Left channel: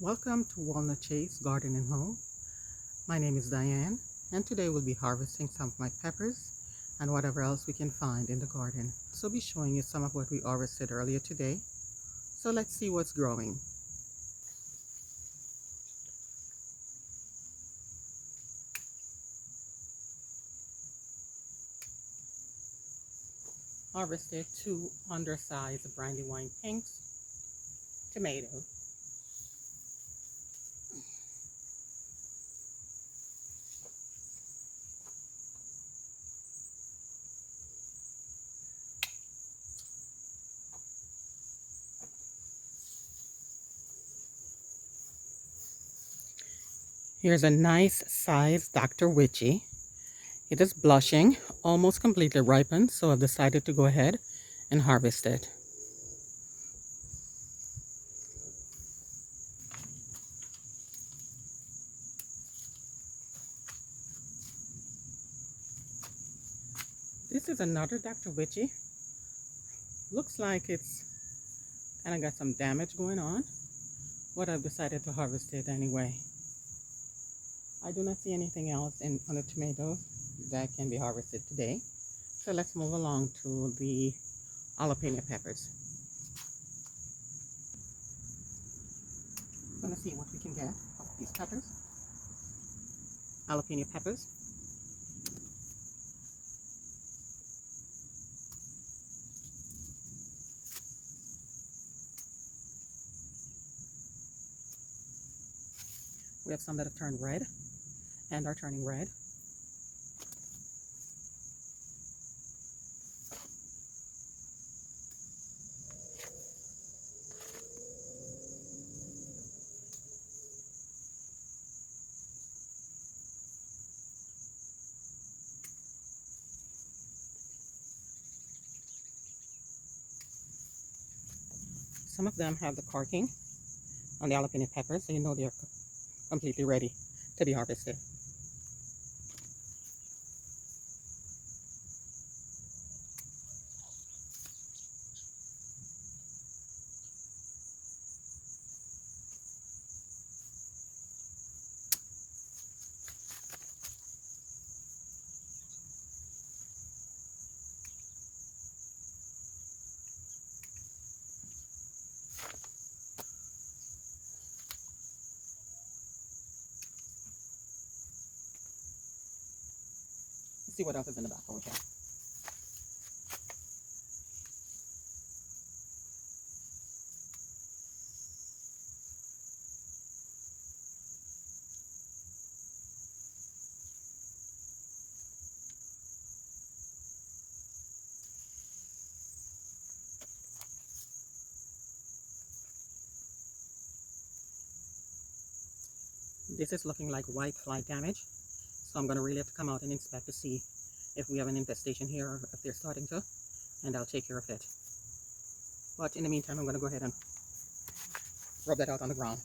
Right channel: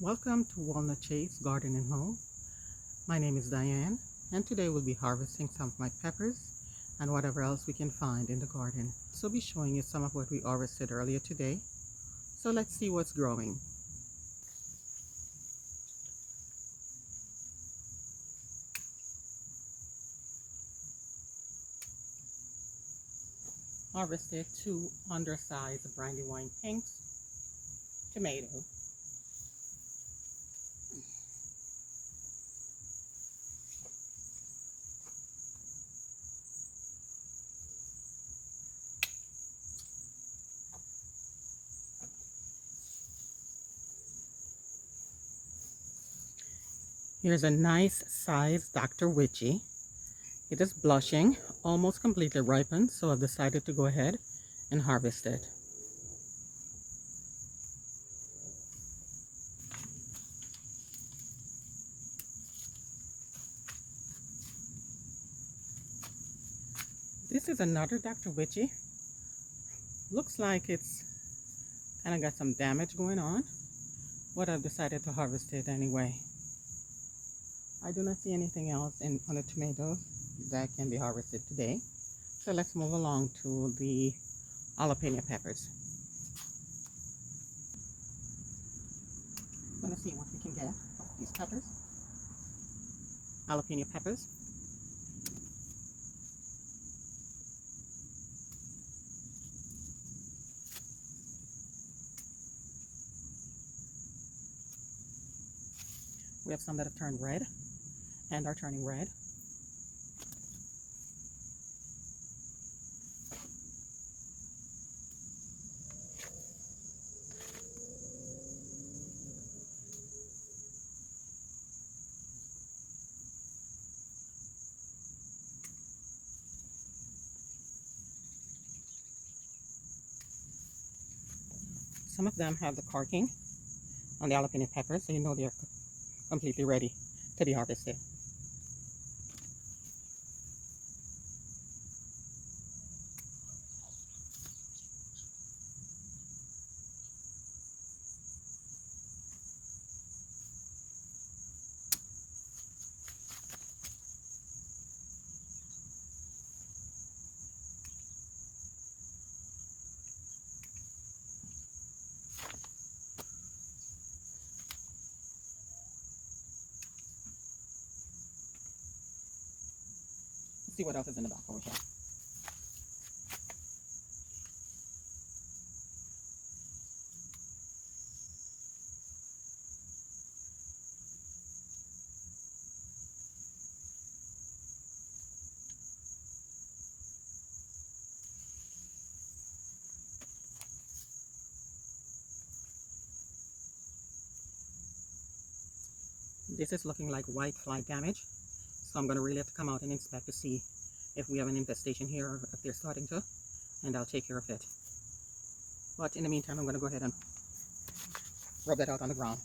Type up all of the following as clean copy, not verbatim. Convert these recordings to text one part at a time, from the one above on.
Welcome to Walnut Chase Garden and Home. My name is Diane, and today we'll be harvesting some of my peppers and whatever else we can find in the garden. So I'll be showing you some of what we harvested earlier today. So let's see what's growing. Harvested two undersized brandywine pinks, tomato. Here's a nice sized Dr. Witchy. It is blushing, almost completely ripened, so I've decided to go ahead and harvest it. This is another Dr. Witchy. Looks like it's kind of got some damage going on, but I've decided to harvest it anyway. I do not see anything else on the tomatoes that can be harvested today. So let's move along to the jalapeno peppers. I'm going to see what we can get of these peppers. Jalapeno peppers. We have some that have turned red and are turning red. Some of them have the corking on the jalapeno peppers, so you know they're completely ready to be harvested. Let's see what else is in the back over here. This is looking like white fly damage, so I'm going to really have to come out and inspect to see if we have an infestation here or if they're starting to, and I'll take care of it. But in the meantime, I'm going to go ahead and rub that out on the ground.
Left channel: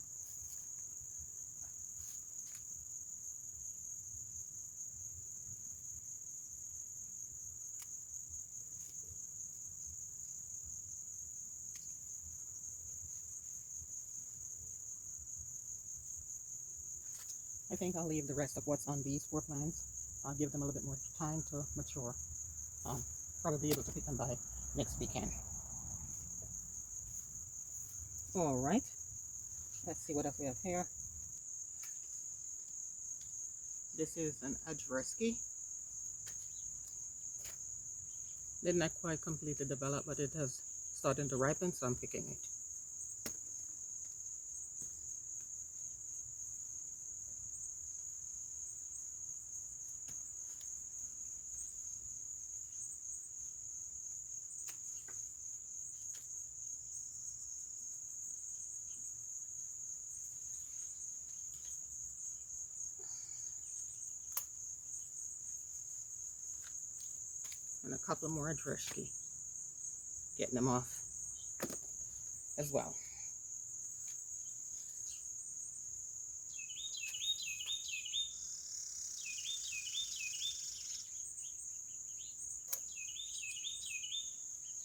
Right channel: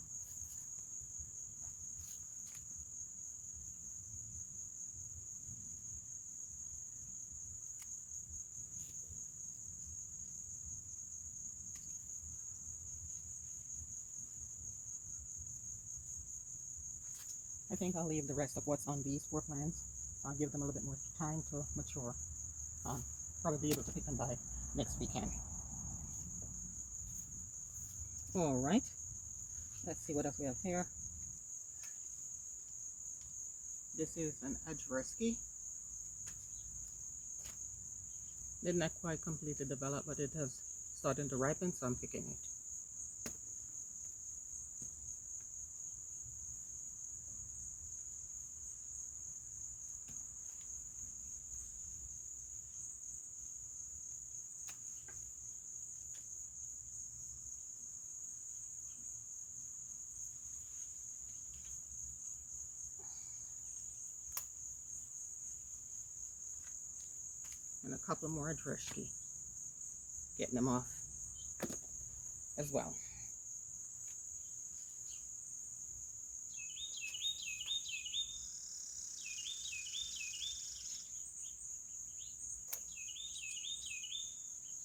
I think I'll leave the rest of what's on these 4 plants. I'll give them a little bit more time to mature. Probably be able to pick them by next weekend. All right, let's see what else we have here. This is an Adreski. Did not quite completely develop, but it has started to ripen, so I'm picking it. And a couple more Adreski. Getting them off as well.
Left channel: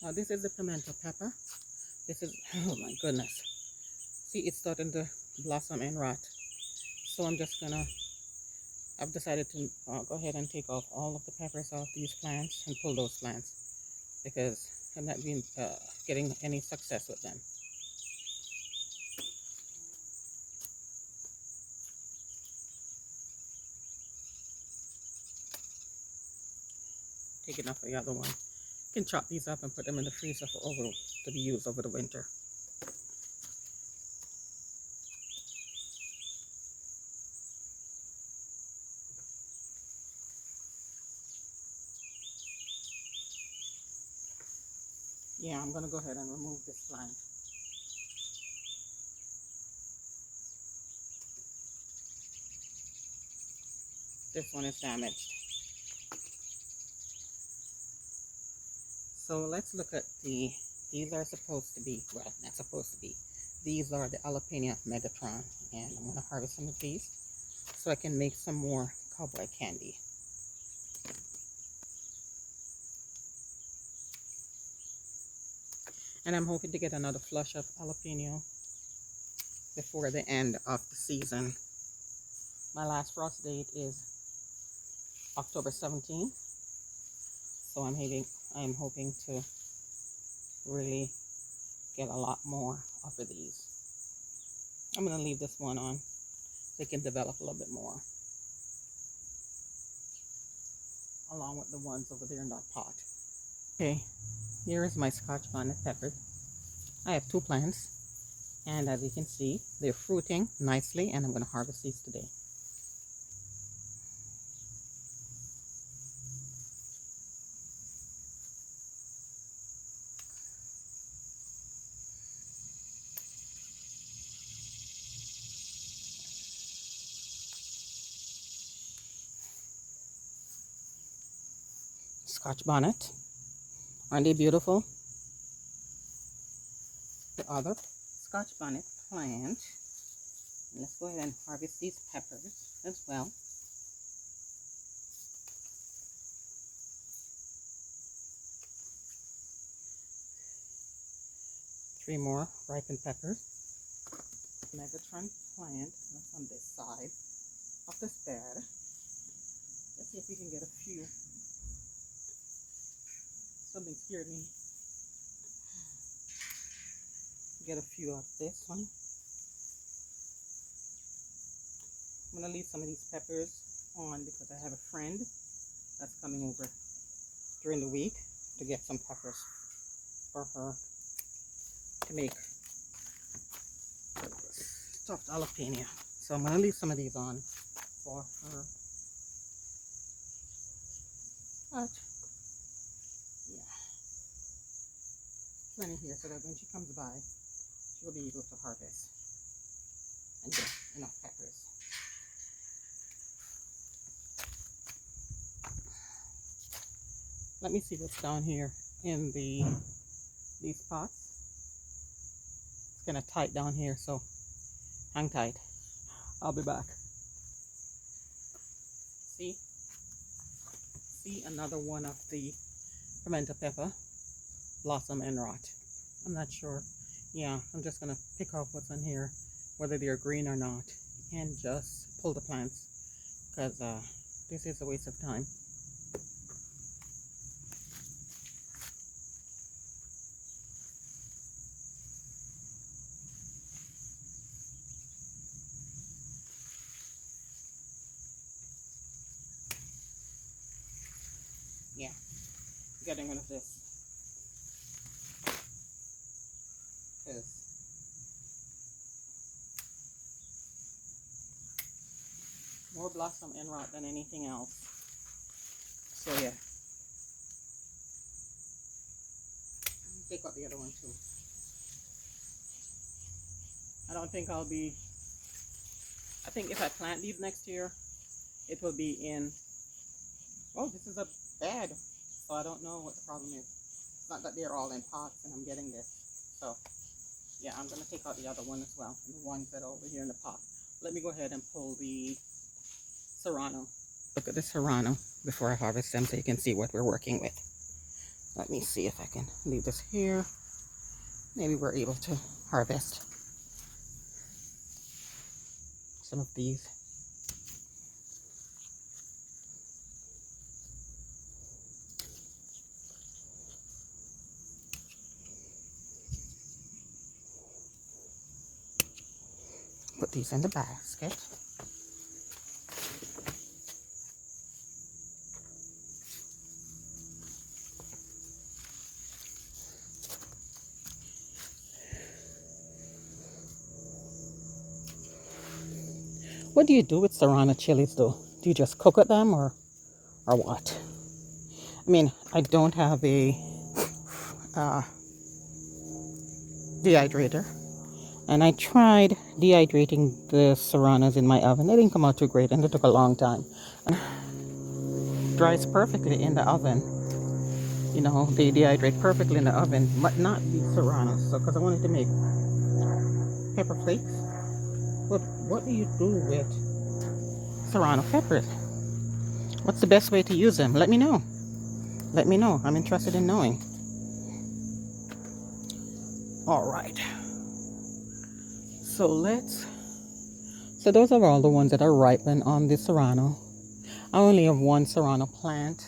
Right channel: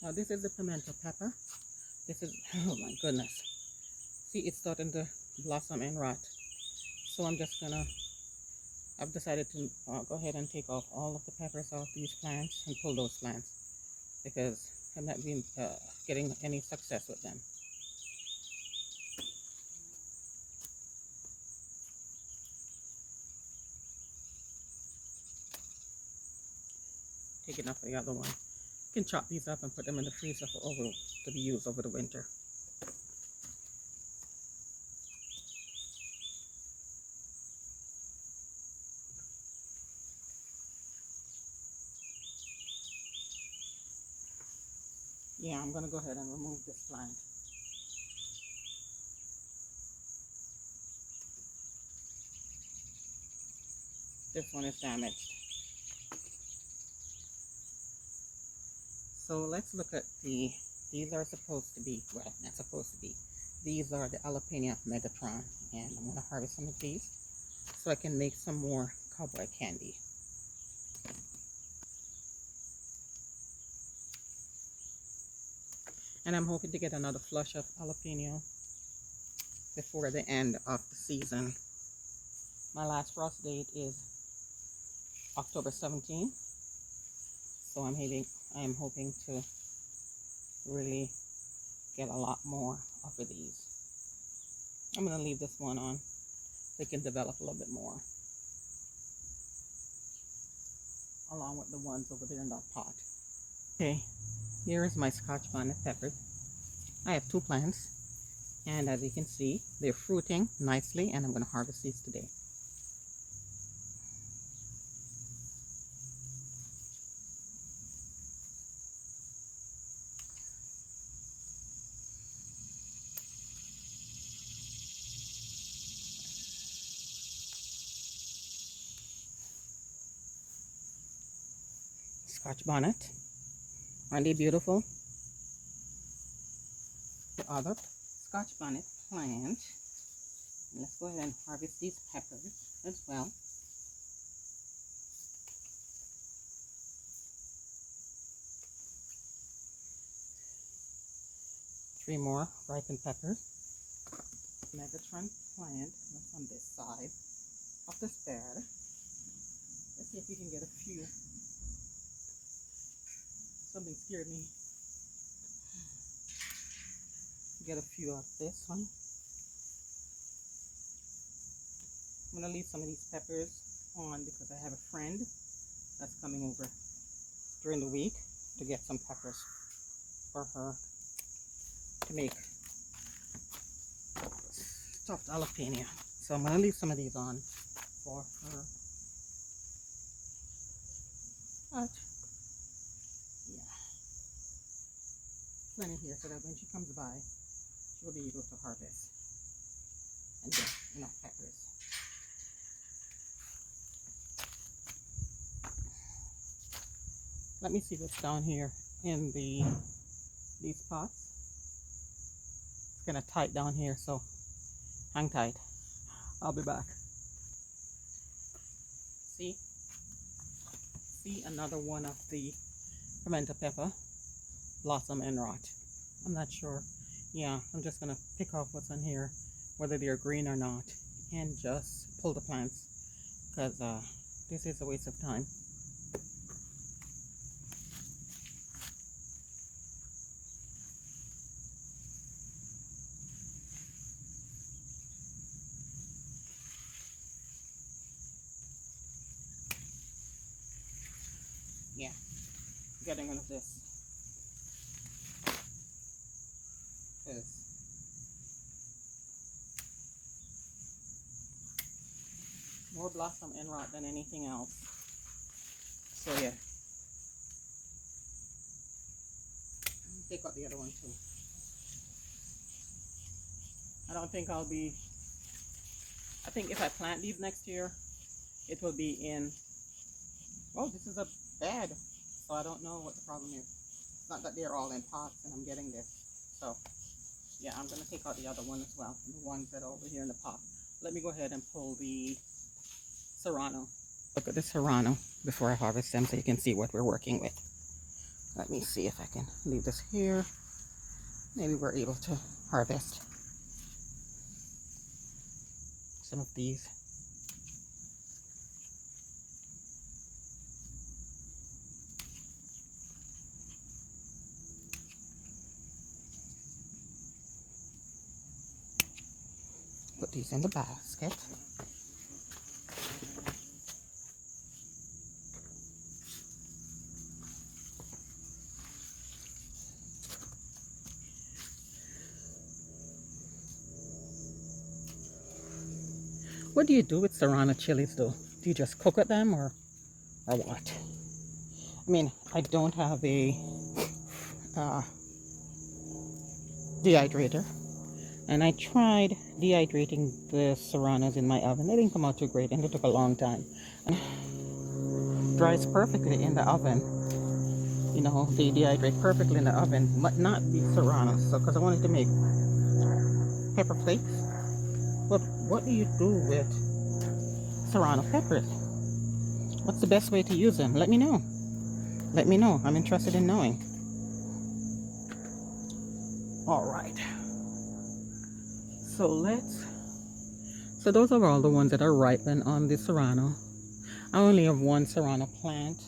Now this is the pimento pepper. This is, oh my goodness. See, it's starting to blossom and rot. So I've decided to go ahead and take off all of the peppers off these plants and pull those plants because I'm not been getting any success with them. Taking off the other one. You can chop these up and put them in the freezer to be used over the winter. Yeah, I'm going to go ahead and remove this plant. This one is damaged. So let's look at these are supposed to be, well, not supposed to be. These are the jalapeno megatron, and I'm going to harvest some of these so I can make some more cowboy candy. And I'm hoping to get another flush of jalapeno before the end of the season. My last frost date is October 17th. So I'm hoping to really get a lot more of these. I'm going to leave this one on so it can develop a little bit more, along with the ones over there in that pot. Okay, here is my Scotch bonnet pepper. I have 2 plants, and as you can see, they're fruiting nicely, and I'm going to harvest these today. Scotch bonnet, aren't they beautiful? The other Scotch bonnet plant. Let's go ahead and harvest these peppers as well. Three more ripened peppers. Megatron plant, that's on this side of this bed. Let's see if we can get a few. Something scared me. Get a few out of this one. I'm going to leave some of these peppers on because I have a friend that's coming over during the week to get some peppers for her to make stuffed jalapeno. So I'm going to leave some of these on for her. But yeah, plenty here so that when she comes by, she'll be able to harvest and get enough peppers. Let me see what's down here in these pots. It's kind of tight down here, so hang tight. I'll be back. See another one of the pimento pepper, blossom and rot. I'm not sure. Yeah, I'm just gonna pick off what's in here, whether they're green or not, and just pull the plants because this is a waste of time. Yeah, getting rid of this because more blossom and rot than anything else. So yeah, take out the other one too. I think if I plant these next year, it will be in, oh, this is a bed, so I don't know what the problem is. It's not that they're all in pots and I'm getting this. So yeah, I'm going to take out the other one as well, and the ones that are over here in the pot. Let me go ahead and pull the serrano. Look at the serrano before I harvest them so you can see what we're working with. Let me see if I can leave this here. Maybe we're able to harvest. some of these. Put these in the basket. What do you do with serrano chilies though? Do you just cook with them or what? I mean, I don't have a dehydrator, and I tried dehydrating the serranos in my oven. They didn't come out too great, and it took a long time. And dries perfectly in the oven. You know, they dehydrate perfectly in the oven, but not the serranos. So, because I wanted to make pepper flakes. But what do you do with serrano peppers? What's the best way to use them? Let me know. Let me know. I'm interested in knowing. All right. So those are all the ones that are ripened on the serrano. I only have one serrano plant.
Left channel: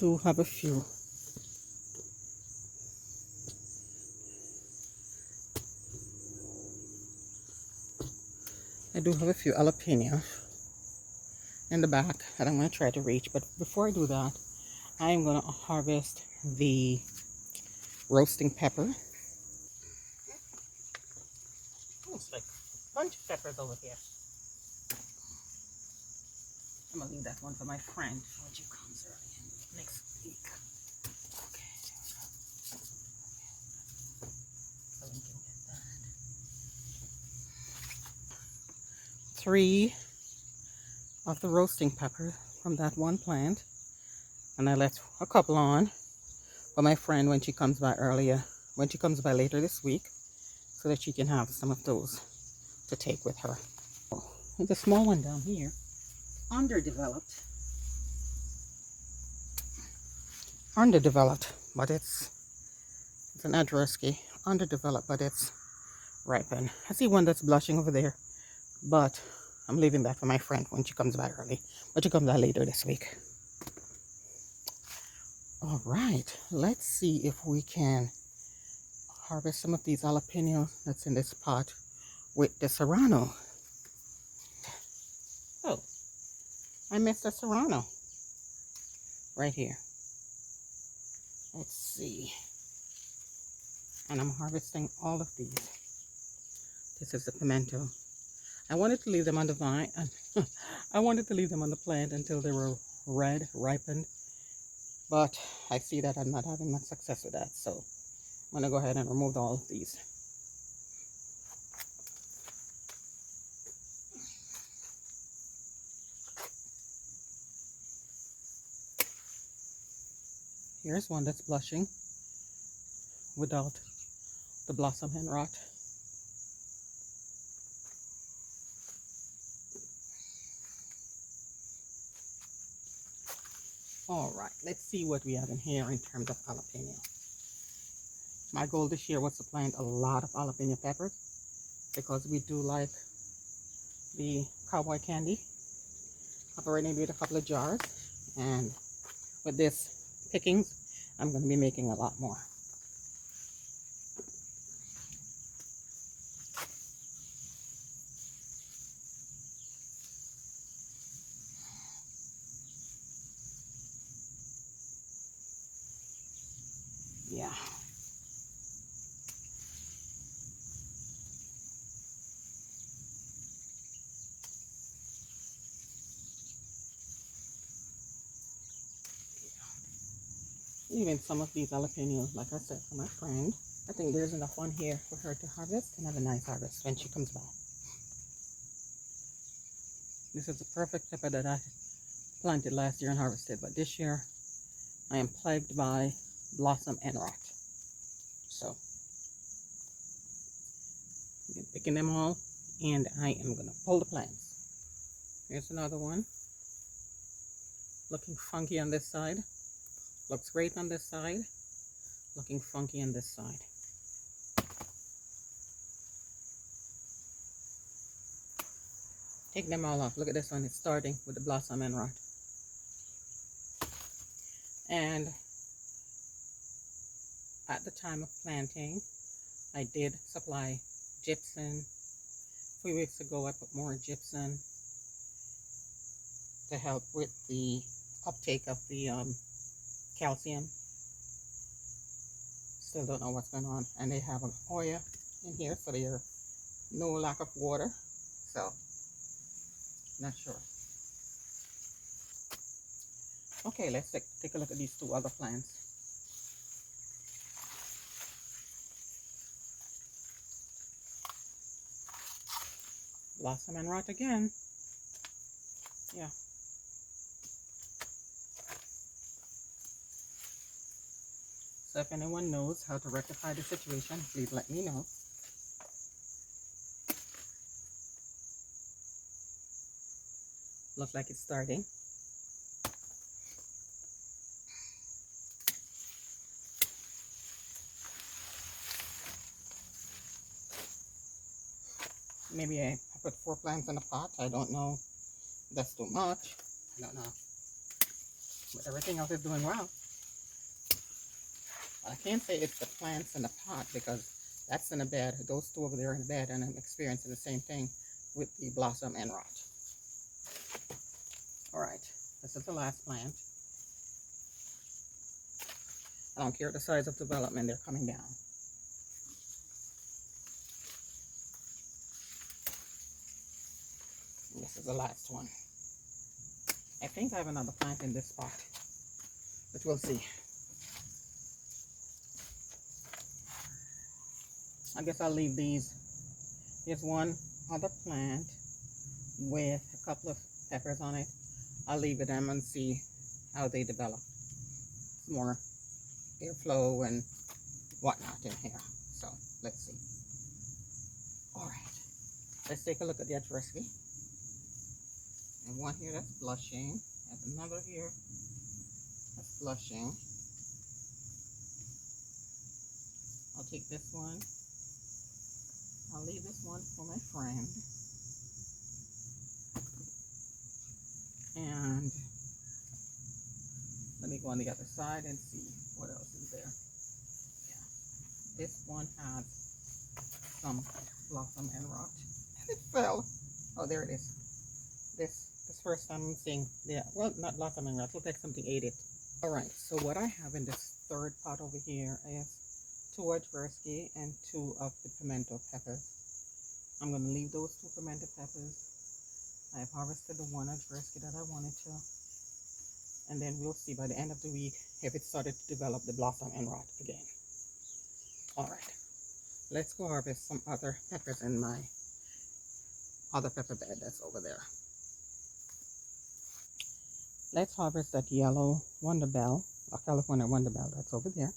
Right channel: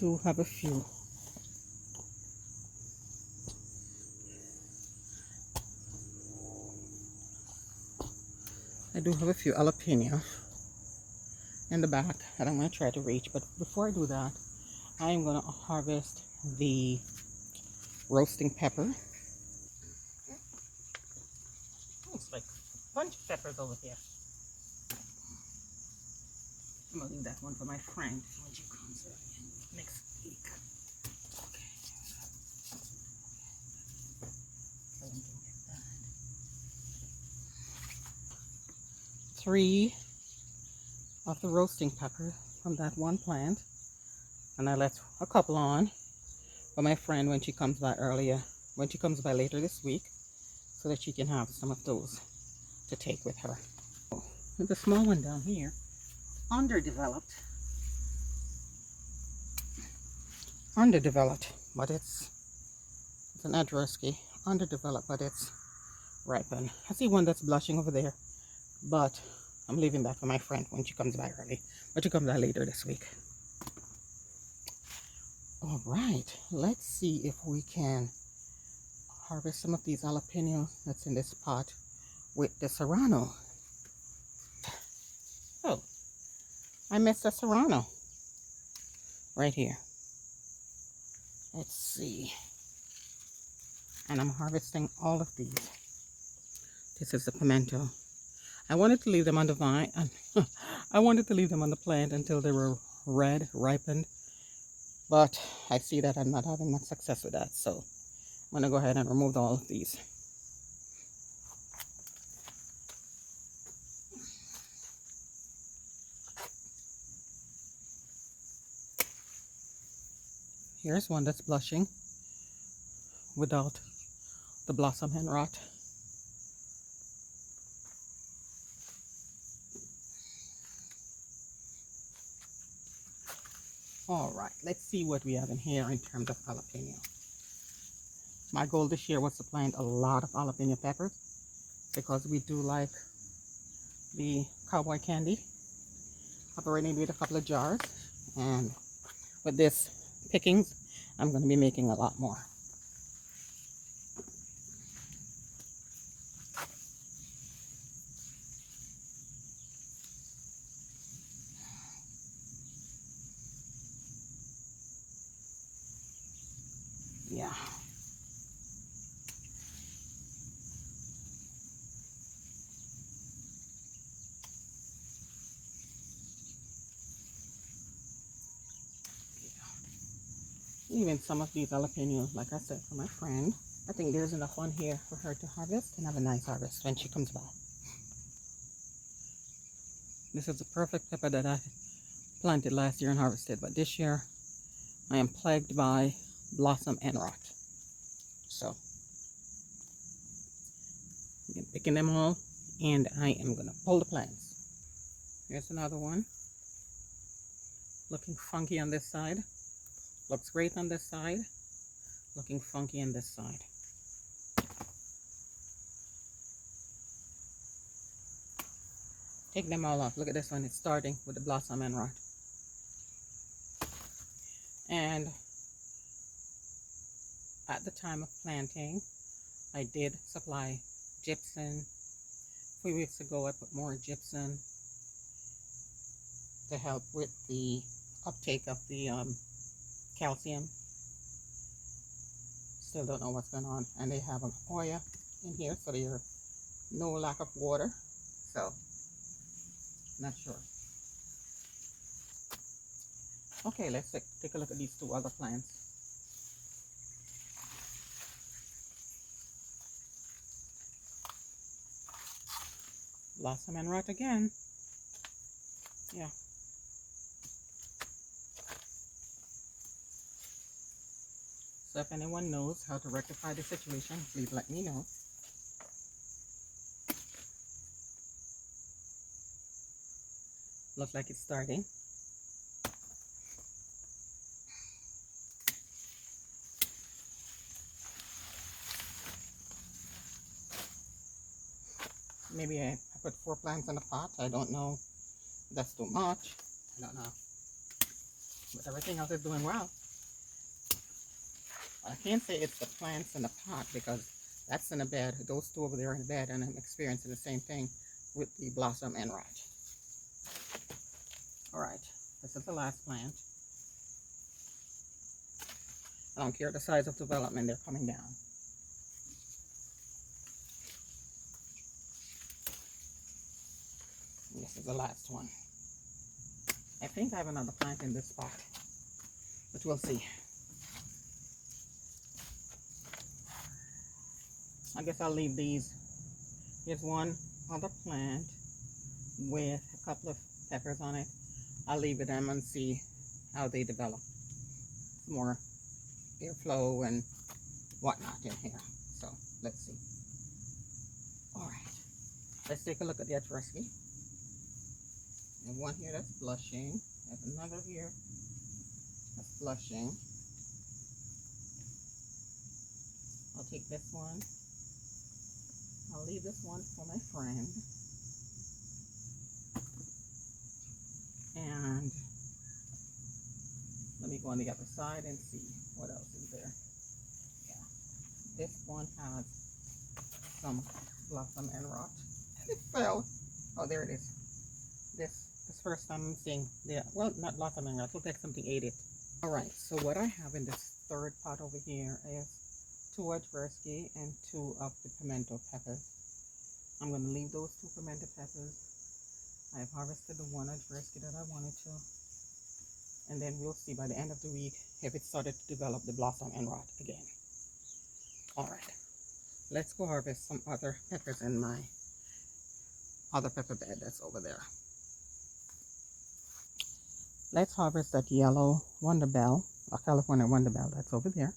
Do have a few. I do have a few jalapeno in the back that I'm going to try to reach. But before I do that, I am going to harvest the roasting pepper. Looks like a bunch of peppers over here. I'm going to leave that one for my friend when she comes next week. Okay, so we can get that. 3 of the roasting pepper from that one plant, and I left a couple on for my friend when she comes by later this week, so that she can have some of those to take with her. There's a small one down here, underdeveloped, but it's an Adreski, underdeveloped, but it's ripened. I see one that's blushing over there, but I'm leaving that for my friend when she comes by but she comes by later this week. All right, let's see if we can harvest some of these jalapenos that's in this pot with the serrano. Oh, I missed a serrano right here. Let's see. And I'm harvesting all of these. This is the pimento. I wanted to leave them on the vine. I wanted to leave them on the plant until they were red, ripened. But I see that I'm not having much success with that. So I'm going to go ahead and remove all of these. Here's one that's blushing without the blossom and rot. All right, let's see what we have in here in terms of jalapeno. My goal this year was to plant a lot of jalapeno peppers because we do like the cowboy candy. I've already made a couple of jars, and with this pickings, I'm going to be making a lot more. Yeah. Even some of these jalapenos, like I said, for my friend. I think there's enough on here for her to harvest and have a nice harvest when she comes by. This is the perfect pepper that I planted last year and harvested, but this year I am plagued by blossom and rot. So I'm picking them all, and I am going to pull the plants. Here's another one. Looking funky on this side. Looks great on this side. Looking funky on this side. Take them all off. Look at this one. It's starting with the blossom end rot. And at the time of planting, I did supply gypsum. A few weeks ago, I put more gypsum to help with the uptake of the calcium. Still don't know what's going on. And they have an oil in here, so there's no lack of water. So, not sure. Okay, let's take a look at these two other plants. Blossom and rot again. Yeah. So if anyone knows how to rectify the situation, please let me know. Looks like it's starting. Maybe I put 4 plants in a pot. I don't know. That's too much. I don't know. But everything else is doing well. I can't say it's the plants in the pot because that's in a bed. Those two over there are in the bed, and I'm experiencing the same thing with the blossom and rot. Alright, this is the last plant. I don't care the size of development, they're coming down. And this is the last one. I think I have another plant in this spot, but we'll see. I guess I'll leave these. Here's one other plant with a couple of peppers on it. I'll leave them and see how they develop. More airflow and whatnot in here. So let's see. Alright. Let's take a look at the Adversity. And one here that's blushing. There's another here that's blushing. I'll take this one. I'll leave this one for my friend. And let me go on the other side and see what else is there. Yeah. This one has some blossom and rot. It fell. Oh, there it is. This first time I'm seeing, yeah, well, not blossom and rot. Looks like something ate it. Alright, so what I have in this third pot over here is 2 Adversity and 2 of the pimento peppers. I'm going to leave those 2 pimento peppers. I've harvested the 1 Adversity that I wanted to. And then we'll see by the end of the week if it started to develop the blossom and rot again. Alright, let's go harvest some other peppers in my other pepper bed that's over there. Let's harvest that yellow Wonder Bell, a California Wonder Bell that's over there.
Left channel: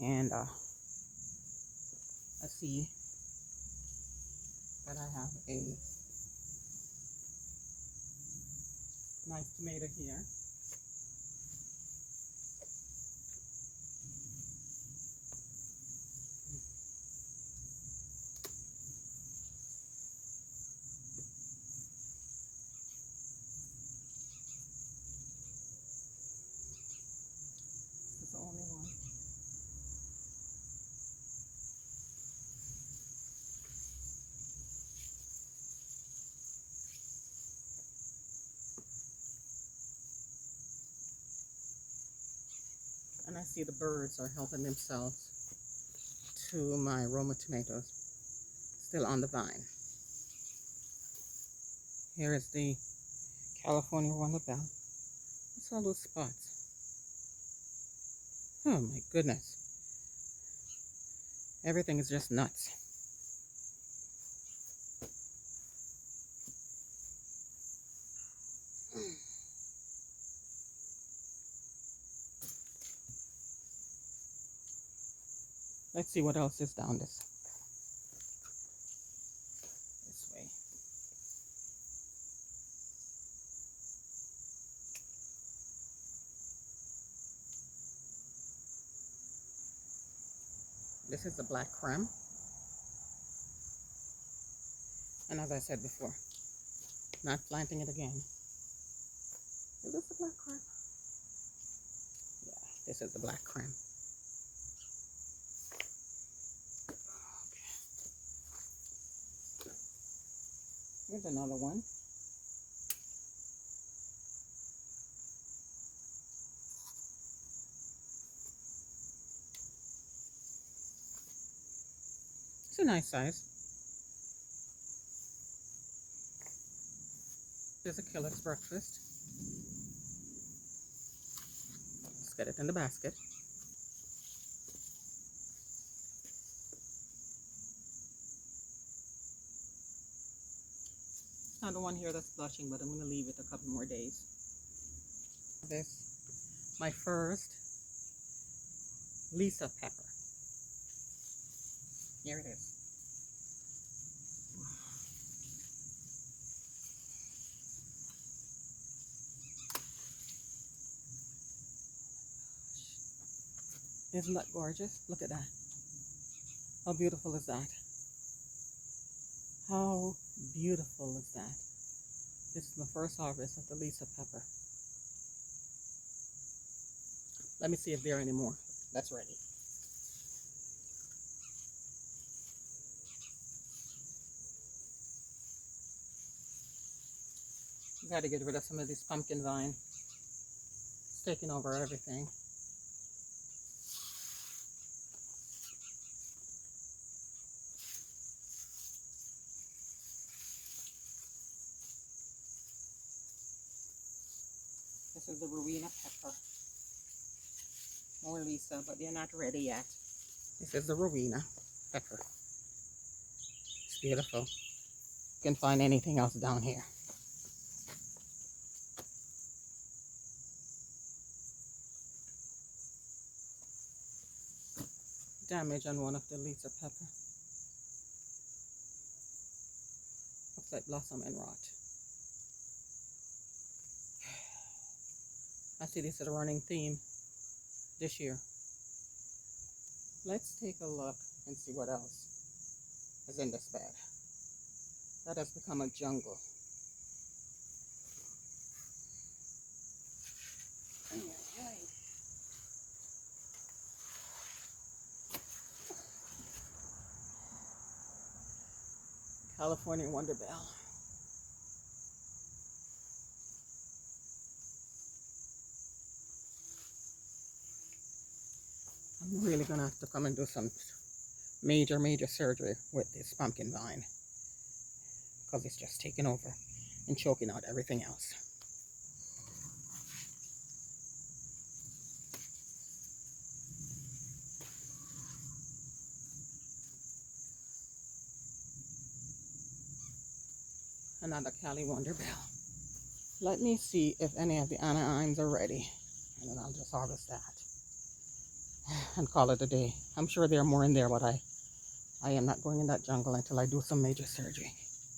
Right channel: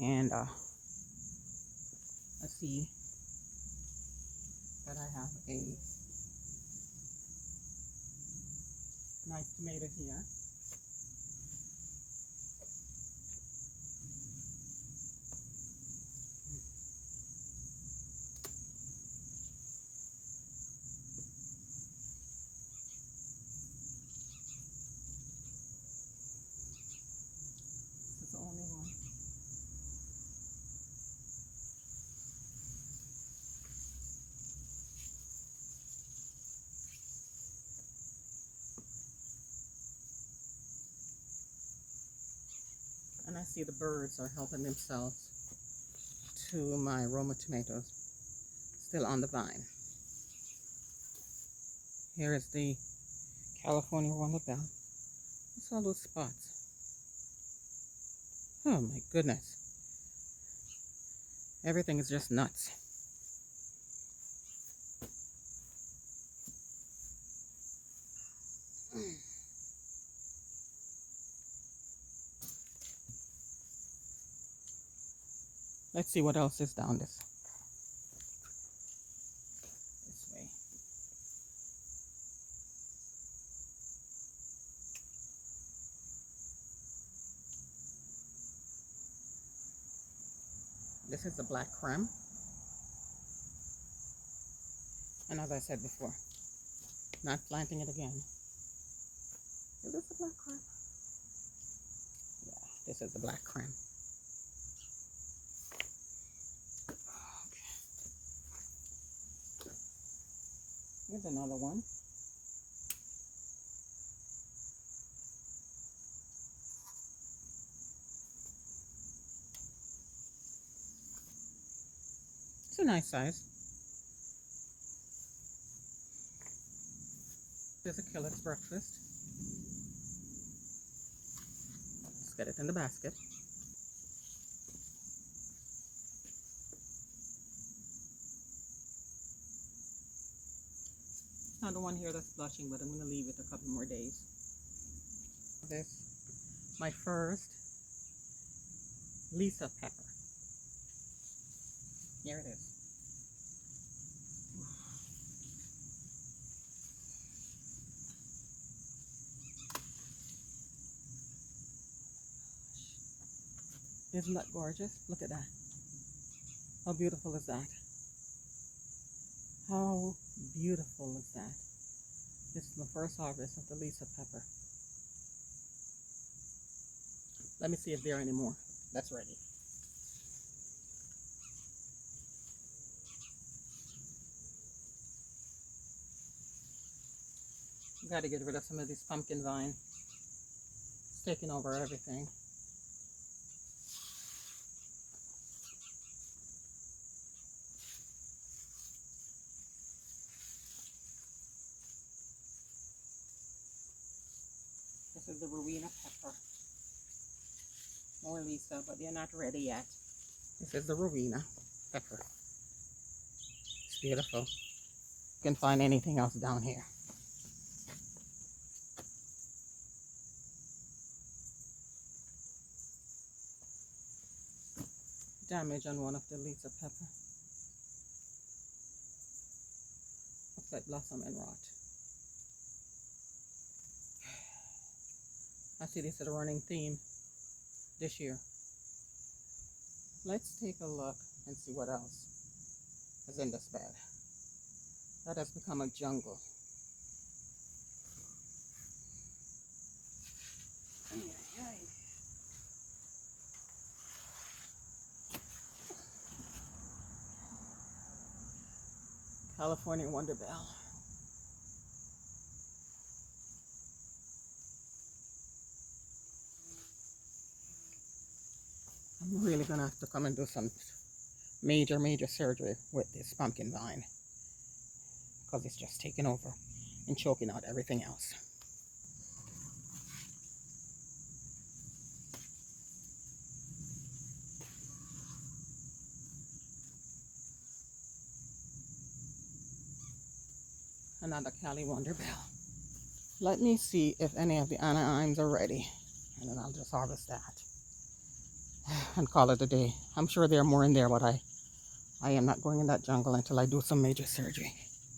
And I see that I have a nice tomato here. This is the only one. And I see the birds are helping themselves to my Roma tomatoes, still on the vine. Here is the California Wonder Bell. What's all those spots? Oh my goodness. Everything is just nuts. Let's see what else is down this way. This is the black creme. And as I said before, not planting it again. Is this the black creme? Yeah, this is the black creme. Here's another one. It's a nice size. There's a killer's breakfast. Let's get it in the basket. Not the one here that's blushing, but I'm going to leave it a couple more days. This, my first Lisa pepper. Here it is. Isn't that gorgeous? Look at that. How beautiful is that? How beautiful is that? This is the first harvest of the Lisa pepper. Let me see if there are any more. That's ready. Got to get rid of some of this pumpkin vine. It's taking over everything. This is the Rowena pepper. More Lisa, but they're not ready yet. This is the Rowena pepper. It's beautiful. You can find anything else down here. Damage on one of the Lisa pepper. Looks like blossom and rot. I see this is a running theme this year. Let's take a look and see what else is in this bed. That has become a jungle. Ay, ay, ay. California Wonder Bell. I'm really gonna have to come and do some major surgery with this pumpkin vine because it's just taking over and choking out everything else. Another Cali Wonder Bell. Let me see if any of the animes are ready, and then I'll just harvest that and call it a day. I'm sure there are more in there, but I am not going in that jungle until I do some major surgery.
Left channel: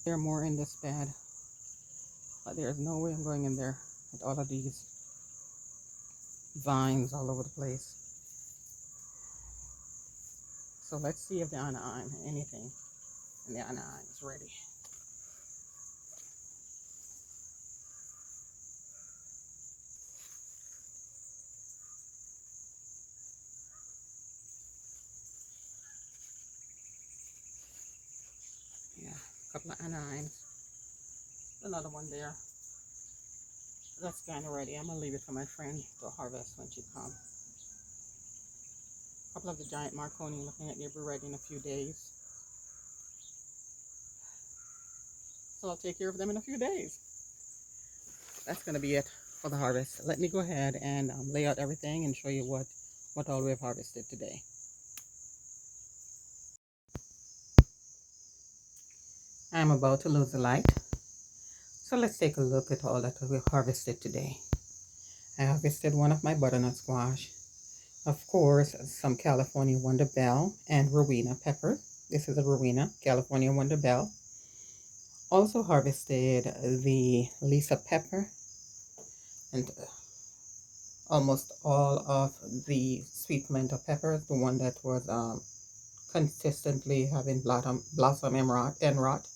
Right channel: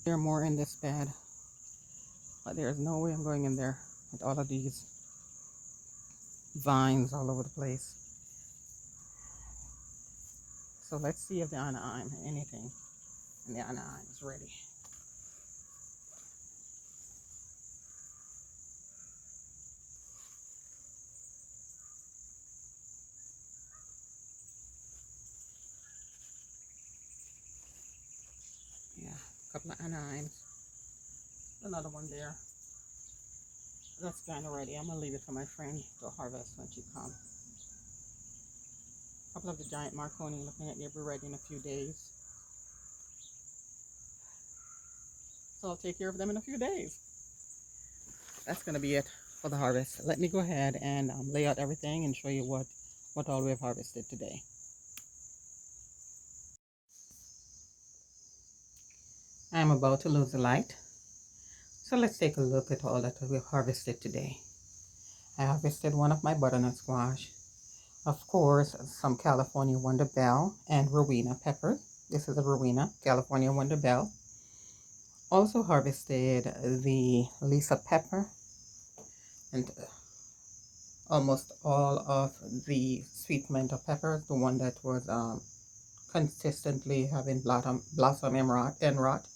There are more in this bed, but there's no way I'm going in there with all of these vines all over the place. So let's see if the anime, anything in the anime is ready. Yeah, a couple of animes. Another one there. That's kind of ready. I'm gonna leave it for my friend to harvest when she comes. A couple of the giant Marconi looking like they'll be ready in a few days. So I'll take care of them in a few days. That's gonna be it for the harvest. Let me go ahead and lay out everything and show you what all we've harvested today. I'm about to lose the light. So let's take a look at all that we harvested today. I harvested one of my butternut squash. Of course, some California Wonder Bell and Rowena peppers. This is a Rowena California Wonder Bell. Also harvested the Lisa pepper and almost all of the sweet pimento peppers, the one that was consistently having blossom and rot.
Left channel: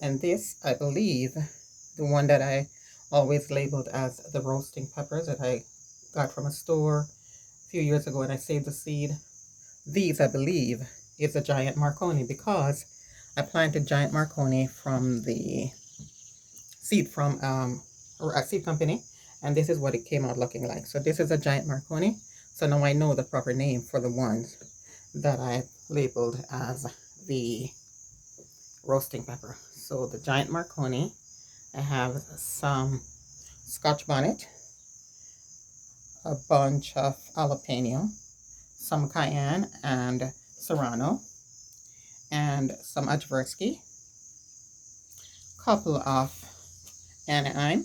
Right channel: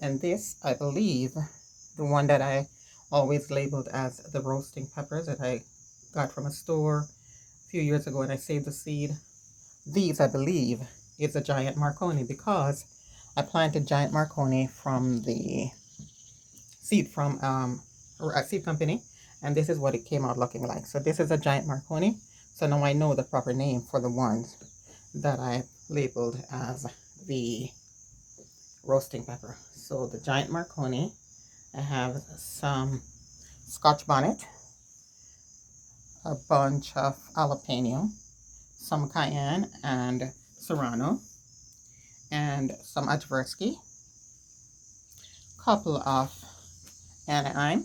And this, I believe, the one that I always labeled as the roasting peppers that I got from a store a few years ago and I saved the seed. These, I believe, is a giant Marconi because I planted giant Marconi from the seed from a seed company, and this is what it came out looking like. So this is a giant Marconi. So now I know the proper name for the ones that I labeled as the roasting pepper. So the giant Marconi, I have some Scotch bonnet, a bunch of jalapeno, some cayenne and serrano, and some Ajversky, couple of anise,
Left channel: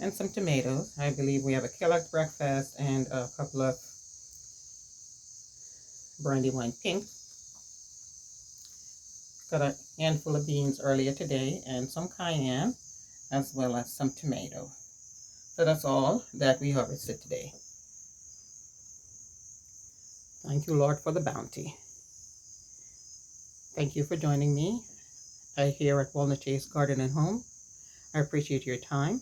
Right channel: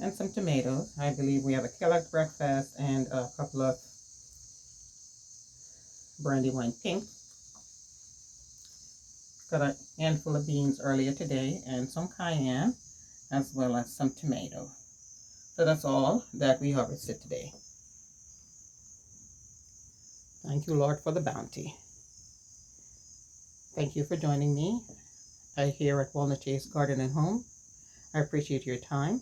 and some tomatoes. I believe we have a Kellogg's breakfast and a couple of Brandywine pink. Got a handful of beans earlier today and some cayenne as well as some tomato. So that's all that we harvested today. Thank you, Lord, for the bounty. Thank you for joining me here at Walnut Chase Garden and Home. I appreciate your time.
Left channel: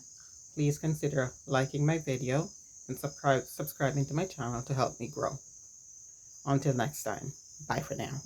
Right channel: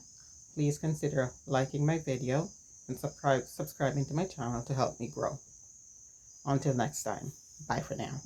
Please consider liking my video and subscribing to my channel to help me grow. Until next time, bye for now.